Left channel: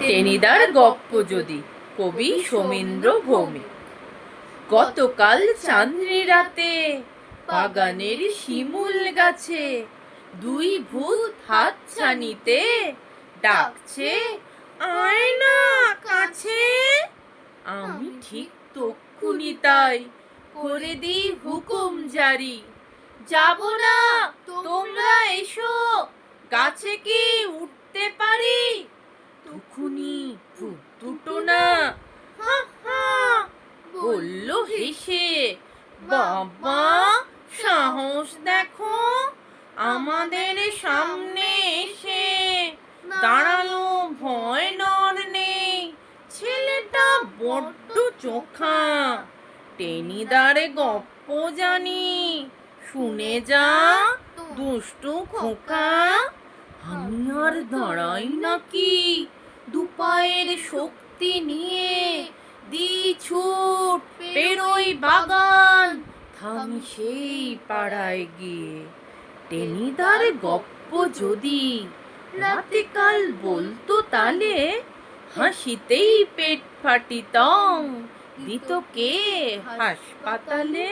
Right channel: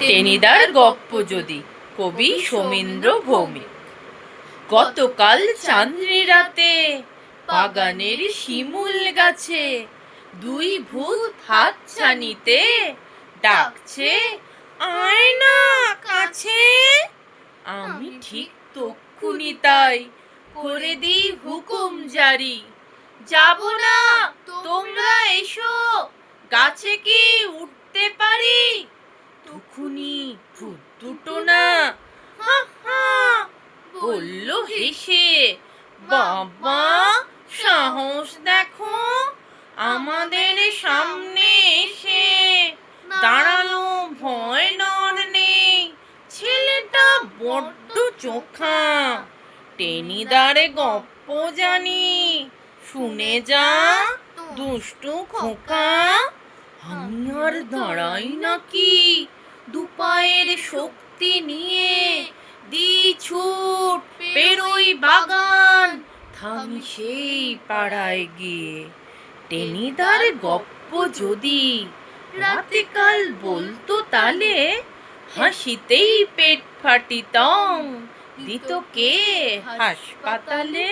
টেনিদার গপ্প যদি, কবি সোমেন্দ্র ভৌমিক। গতকাল চাঁদনি রাতে বাগানের শিমুল গাছে দুই ভূত হাতছানিতে ডাকছে, আয় না কাছে। আমি ঠিক তক্ষুনি তাই করে দিই হুকুম জারি, যাব না, তোমরা এসো, গাছে কি উঠতে পারি? তখুনি ভূত দুটো না হা হা বলল হেসে, বাবা সাহস দেখো, আমাদের সামনে এসে দাঁড়ালো, ভয় ডর নেই, ছেলেটা বড্ড চোখা। টেনিদার গপ্প জানি, শুনে যা দুষ্টু খোকা। আমি আর দাঁড়াই নাকি, দুপায়ের শক্তি নিয়ে দি ছুট, পেরোই বাগান, থামি সেই পাড়ায় গিয়ে। টেনিদার গপ্প যদি রাতে কাল বলতো তালে, হাসিতেই পেট ফাটিতং, দিত কে হাসপাতালে।